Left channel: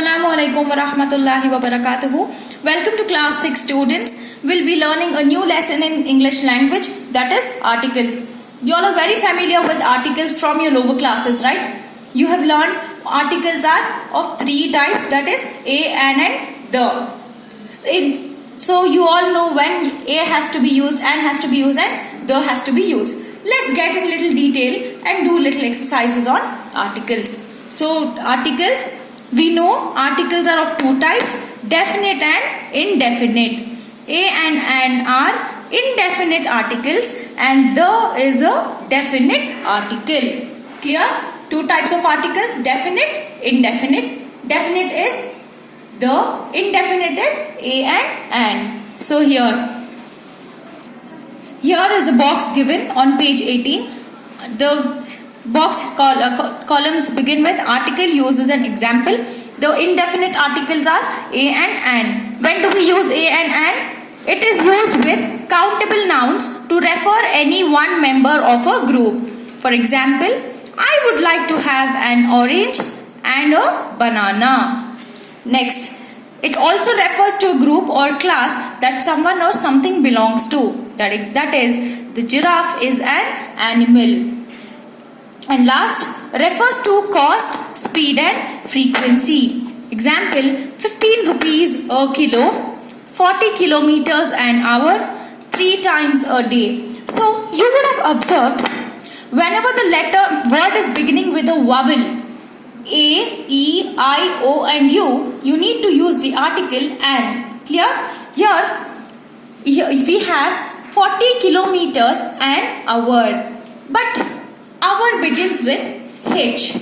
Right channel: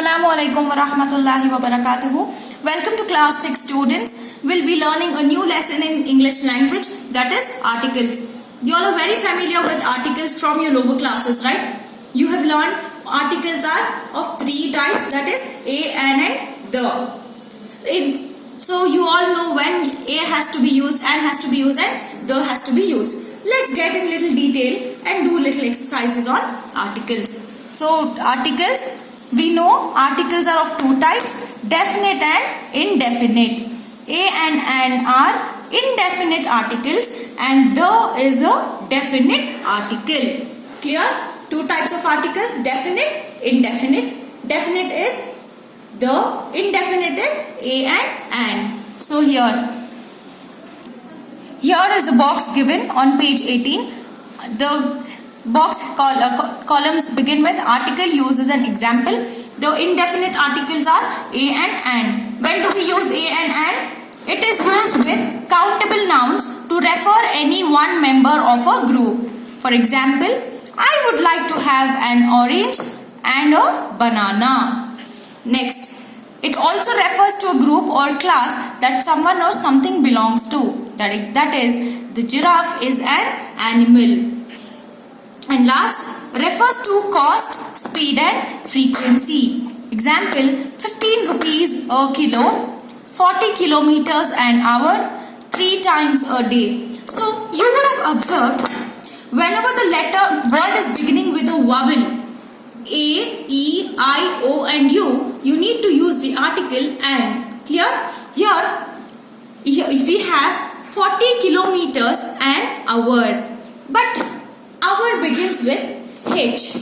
Assalamu alaikum wa rahmatullahi wa barakatuhu. Welcome to class 6 students. We'll be learning a new lesson in English language, that is articles. You all are very familiar with articles from your lower classes, right? You have learned articles are of three types, that is a, an and the. So you all know when a has to be used, an has to be used and the has to be used. Let's get in little detail and do little exercises on articles. So articles, we know articles are of two types, definite and indefinite. A and an are indefinite articles and the is a definite article. Clear? Two types of articles, definite, indefinite. Definite is the, indefinite is a and an. So here is a box given on page 18. The box columns begin with article used as an example. The indefinite articles are a and an. When do we use a and an? It is used with countable nouns to refer any one member of a group. For example, I would like to have an orange and a banana. Next, it also refers to a group or class that someone or something belongs to. That is, the giraffe is an animal. And last, refers to cost, speed and frequency. Example, 15 rupees a kilo, 40 kilometers an hour, 3 times a day. So, you would have observed, whenever the word is beginning with a vowel, A, E, I, O and U, you need to use the article an. Clear? Here we have 40 kilometers an hour. But hour begins with H.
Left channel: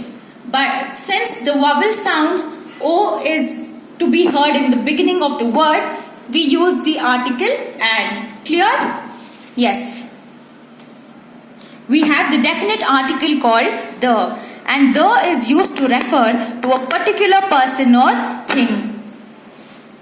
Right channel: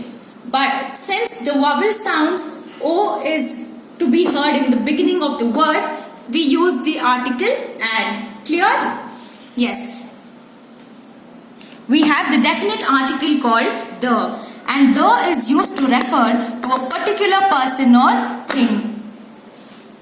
But since the vowel sounds O is to be heard in the beginning of the word, we use the article an. Clear? Yes. We have the definite article called the. And the is used to refer to a particular person or thing.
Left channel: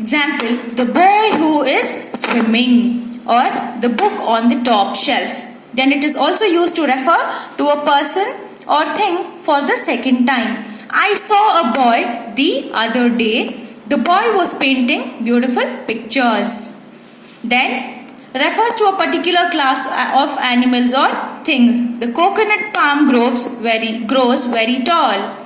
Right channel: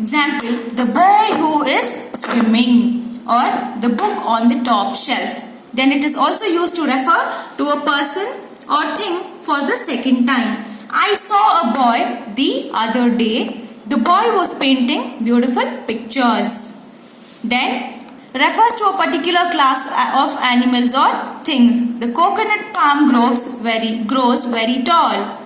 Example, the boy who is swimming, or the book on the top shelf. Then it is also used to refer to a person or thing for the second time. I saw a boy the other day. The boy was painting beautiful pictures. Then refers to a particular class of animals or things. The coconut palm grows very tall.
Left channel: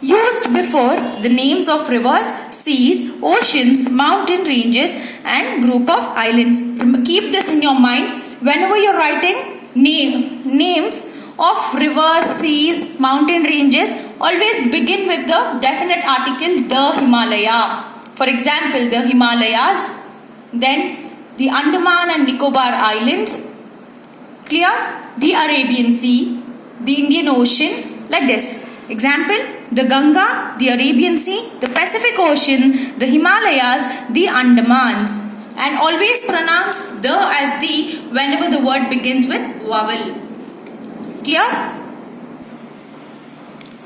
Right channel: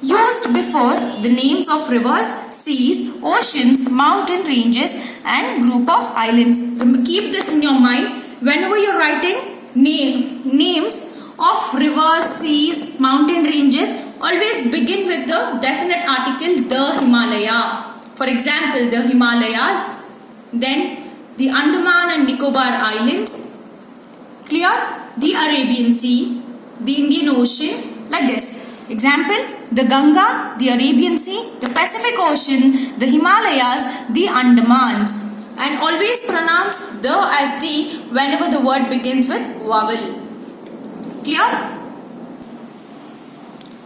Used before the names of rivers, seas, oceans, mountain ranges and group of islands. Keep this in your mind whenever you are writing names of rivers, seas, mountain ranges. Always begin with the definite article the Himalaya. For example, the Himalayas. Then the Andaman and Nicobar Islands, clear? The Arabian Sea, the Indian Ocean, like this. Example, the Ganga, the Arabian Sea, the Pacific Ocean, the Himalayas, the Andamans. And always pronounce the as the whenever the word begins with vowel. Clear?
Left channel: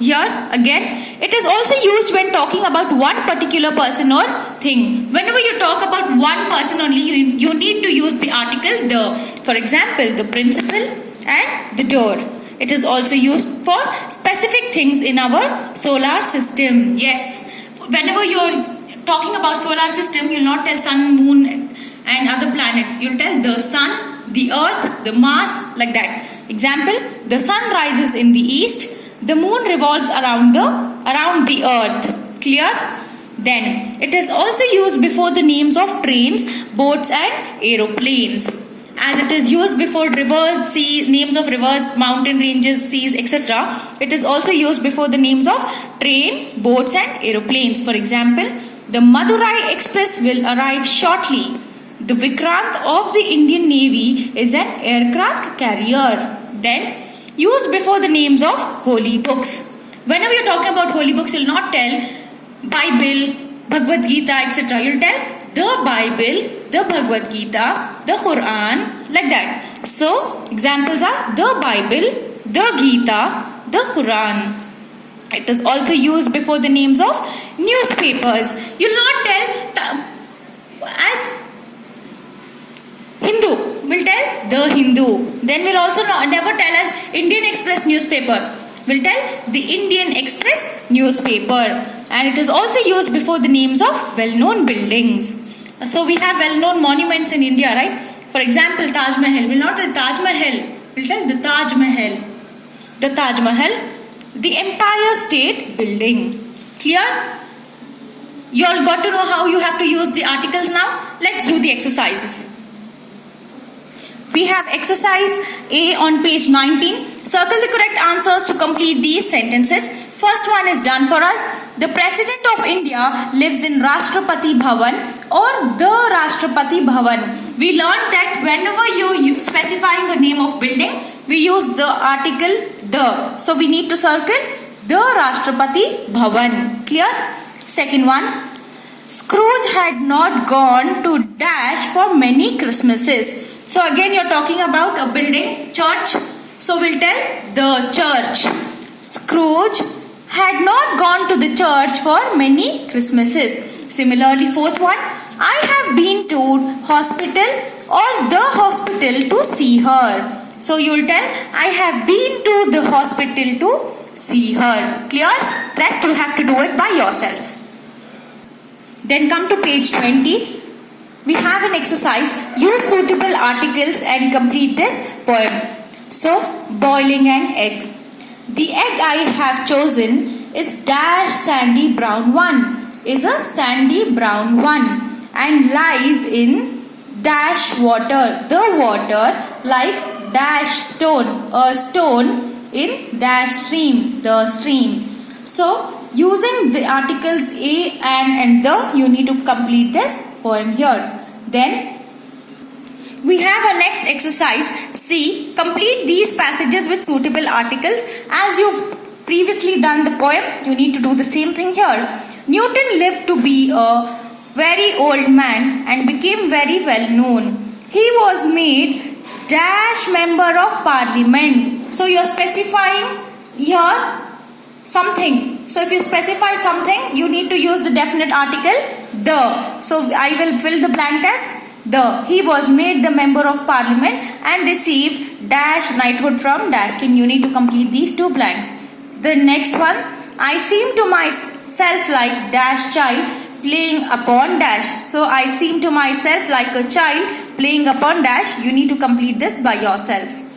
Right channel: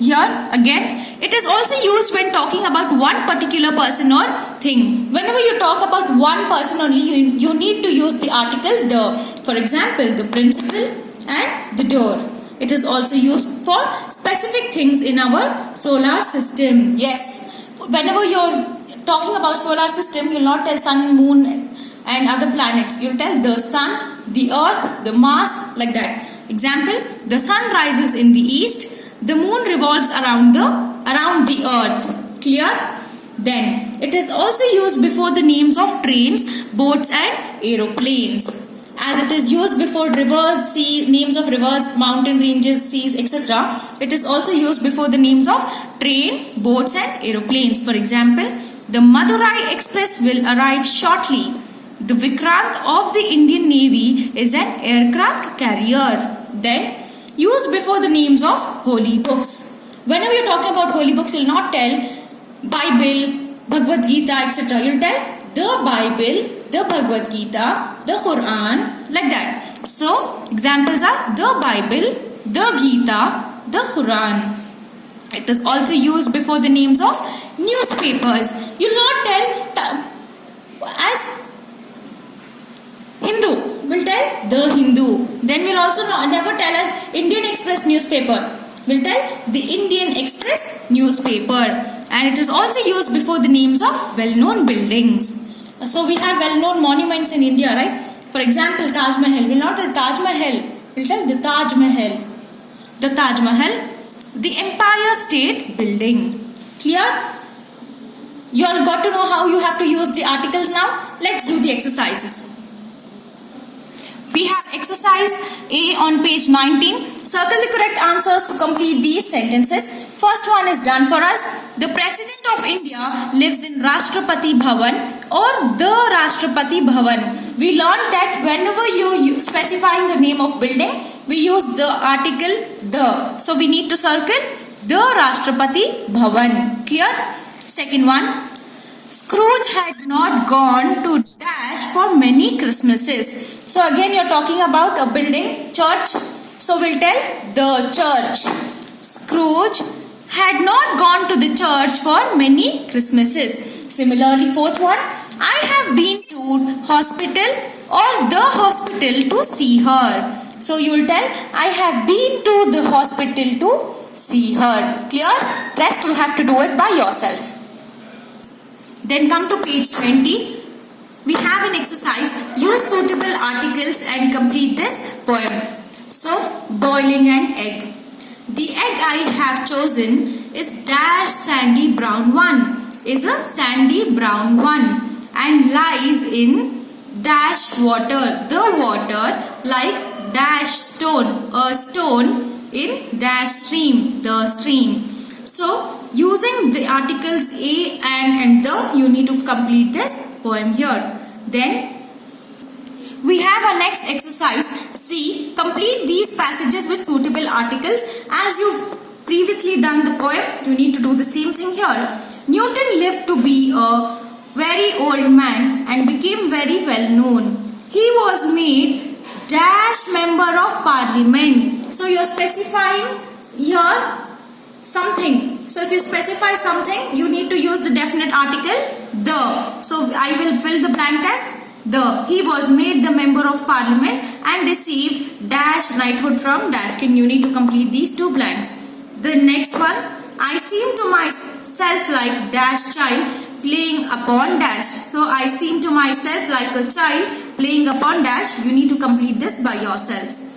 Here again, it is also used when talking about one particular person or thing. Whenever you talk about one person only, you need to use the article the. For example, the principal and the door. It is also used for specific things in our solar system. Yes, whenever you are talking about solar system, you will not tell sun, moon and other planets. You will tell the sun, the earth, the Mars, like that. Example, the sun rises in the east. The moon revolves around the earth. Clear? Then, it is also used before the names of trains, boats and aeroplanes. As it is used before rivers, names of rivers, mountain ranges, seas, etc. It is also used before the names of train, boats and aeroplanes. For example, the Madurai Express will arrive shortly. The Vikrant of the Indian Navy is an aircraft carrier. Then, used before the names of holy books. Whenever you are talking about holy books, you will not tell Bible, Bhagavad Gita, etc. You will tell the Bible, the Bhagavad Gita, the Quran, like that. So, examples are the Bible, the Gita, the Quran. It is also used before the names of newspapers. You will not tell as Hindu. Will tell the Hindu. Then we'll also never tell as Indian Express newspaper. We'll tell the Indian Express newspaper. and it is also used before the names of well-known buildings. So we have well-known monuments in India, right? For example, Taj Mahal. We'll not tell Taj Mahal. We'll tell the Taj Mahal. The Taj Mahal, the entire state building. Clear? You all got to know how you have to use the articles now? Let's do the exercises. We have exercise A on page 19. Circle the correct answers to complete these sentences. First one is done for us. The President of India lives in Rashtrapati Bhavan or the Rashtrapati Bhavan. We learned that whenever you specifying the name of building, we use the article the. So we need to circle the Rashtrapati Bhavan. Clear? Second one. Scrooge had not gone to dash for many Christmases. So again you're talking about a building, church. So we'll tell the church. Scrooge had not gone to the church for many Christmases. Similarly, fourth one. I have been to hospital or the hospital to see her. So you'll tell I have been to the hospital to see her. Clear? Rest you have to do it by yourself. Then come to page 20. We have an exercise. Use suitable articles and complete this poem. So, boiling an egg. The egg I have chosen is dash sandy brown one. Is a sandy brown one and lies in dash water. The water like dash stone. A stone in dash stream. The stream. So, using the articles a and the, you need to complete this poem here. Then we have our next exercise. C. Complete these passages with suitable articles. As you've previously done the poem, you need to do the same thing here. Newton lived to be a very old man and became very well known. He was made dash member of parliament. So you are specifying here something. So if you specify something, you need to use the definite article the. So I will fill the blank as the. He was made the member of parliament and received dash knighthood from dash king. You need to complete these two blanks. The next one. I seem to myself like dash child playing upon dash. So I seem to myself like a child playing upon dash. You need to complete this by yourselves.